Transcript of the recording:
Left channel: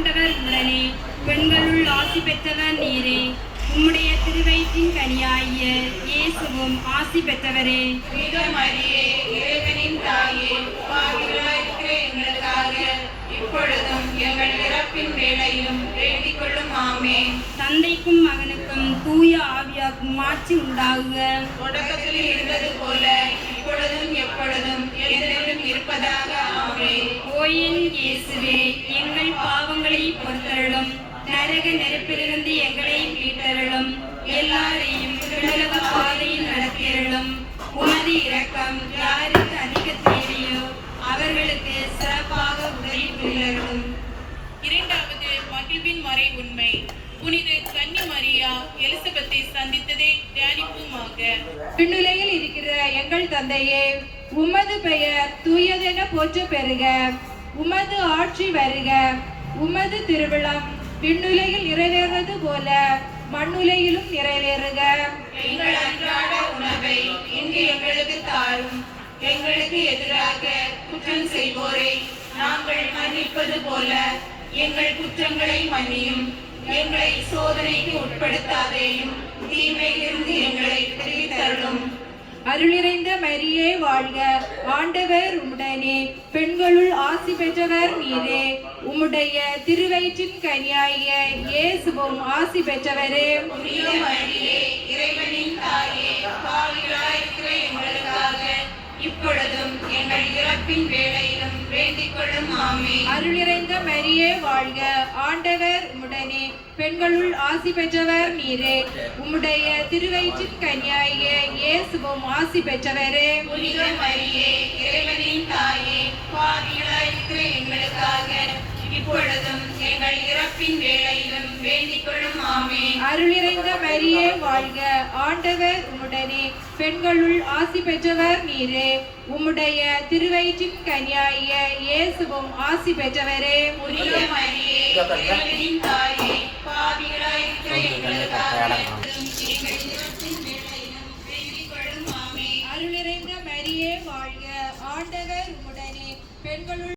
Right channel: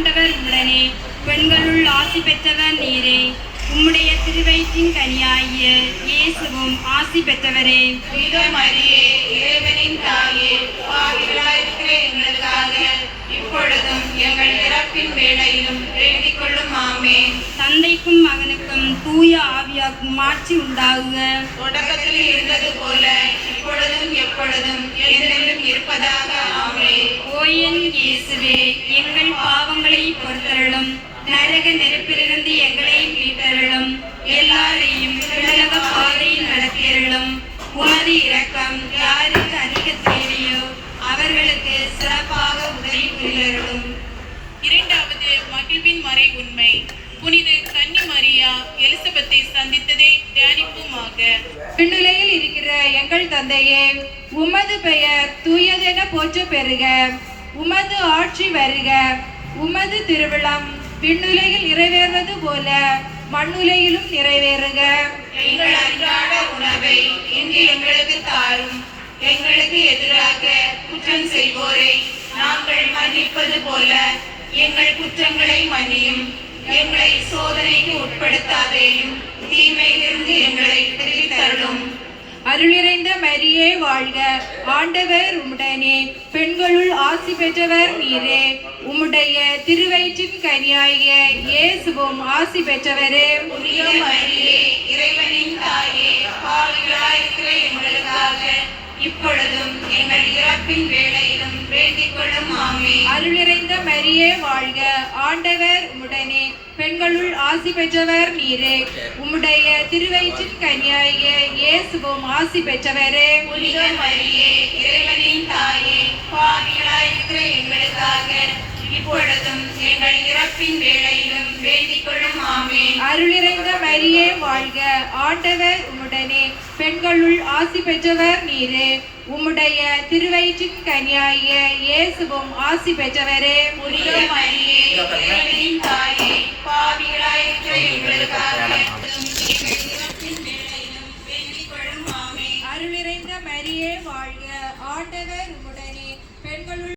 ஆண்டவர் உடனே பெண்களுள் ஆசி பெற்றவர் நீரே. உம்முடைய திருவயிற்றின் கனியாகிய இயேசுவும் ஆசி பெற்றவரே. புனித மரியே, இறைவனின் தாயே, பாவிகளாயிருக்கிற எங்களுக்காக இப்பொழுதும் எங்கள் இறப்பின் வேளையிலும் வேண்டிக் கொள்ளும். ஆமென். தந்தைக்கும் மகனுக்கும் தூய ஆவியாக்கும் மாட்சி உண்டாகுக. தொடக்கத்தில் இருந்தது போல இப்பொழுதும் எப்பொழுதும் என்றென்றும் இருப்பதாக. ஆமென். ஓ என் இயேசுவே, எங்கள் பாவங்களை பொறுத்தருளும். நரக நெருப்பிலிருந்து எங்களை மீட்டருளும். எல்லாரையும் விண்ணக பாதையில் நடத்தியருளும். உமது இரக்கம் யாருக்கு அதிக தேவையோ அவர்களுக்கு சிறப்பாக உதவி புரியருளும். இரண்டாவது மகிழ்வின் மறை உண்மை. புனித கன்னி மரியா எலிசபெத்தை சந்தித்ததை தியானிப்புமாக. விண்ணுலகில் இருக்கிற எங்கள் தந்தையே, உமது பெயர் தூயதென போற்ற பெறுக. உமது ஆட்சி வருக. உமது திருவிழம் விண்ணுலகில் நிறைவேறுவது போல மண்ணுலகிலும் நிறைவேறுக. எங்கள் அன்றாட உணவை இன்று எங்களுக்கு தாரும். எங்களுக்கு எதிராக குற்றம் செய்வோரை நாங்கள் மன்னிப்பது போல எங்கள் குற்றங்களை மன்னியும். எங்களை சோதனைக்கு உட்படுத்தாதேயும், தீமையிலிருந்து எங்களை விடுவித்தருளும். அருளிறைந்த மரியே வாழ்க. ஆண்டவர் உம்முடனே, பெண்களுள் ஆசி பெற்றவர் நீரே. உம்முடைய திருவயிற்றின் கனியாகிய இயேசுவும் ஆசி பெற்றவரே. புனித மரியே, இறைவனின் தாயே, பாவிகளாயிருக்கிற எங்களுக்காக இப்பொழுதும் எங்கள் இறப்பின் வேளையிலும் வேண்டிக் கொள்ளும். ஆமென். அருளிறைந்த மரியே வாழ்க. ஆண்டவர் உம்முடனே, பெண்களுள் ஆசி பெற்றவர் நீரே. உம்முடைய திருவயிற்றின் கனியாகிய இயேசுவும் ஆசி பெற்றவரே. புனித மரியே, இறைவனின் தாயே, பாவிகளாயிருக்கிற எங்களுக்காக இப்பொழுதும் எங்கள் இறப்பின் வேளையிலும் வேண்டிக் கொள்ளும். ஆமென். அருளிறைந்த மரியே வாழ்க. ஆண்டவர் உம்முடனே, பெண்களுள் ஆசி பெற்றவர் நீரே. உம்முடைய திருவயிற்றின் கனியாகிய இயேசுவும் ஆசி பெற்றவரே. புனித மரியே, இறைவனின் தாயே, பாவிகளாயிருக்கிற எங்களுக்காக எங்கள் இறப்பின் வேளையிலும் வேண்டிக் கொள்ளும். ஆமென். அருளிறைந்த மரியே வாழ்க. ஆண்டவர் உம்முடனே, பெண்களுள்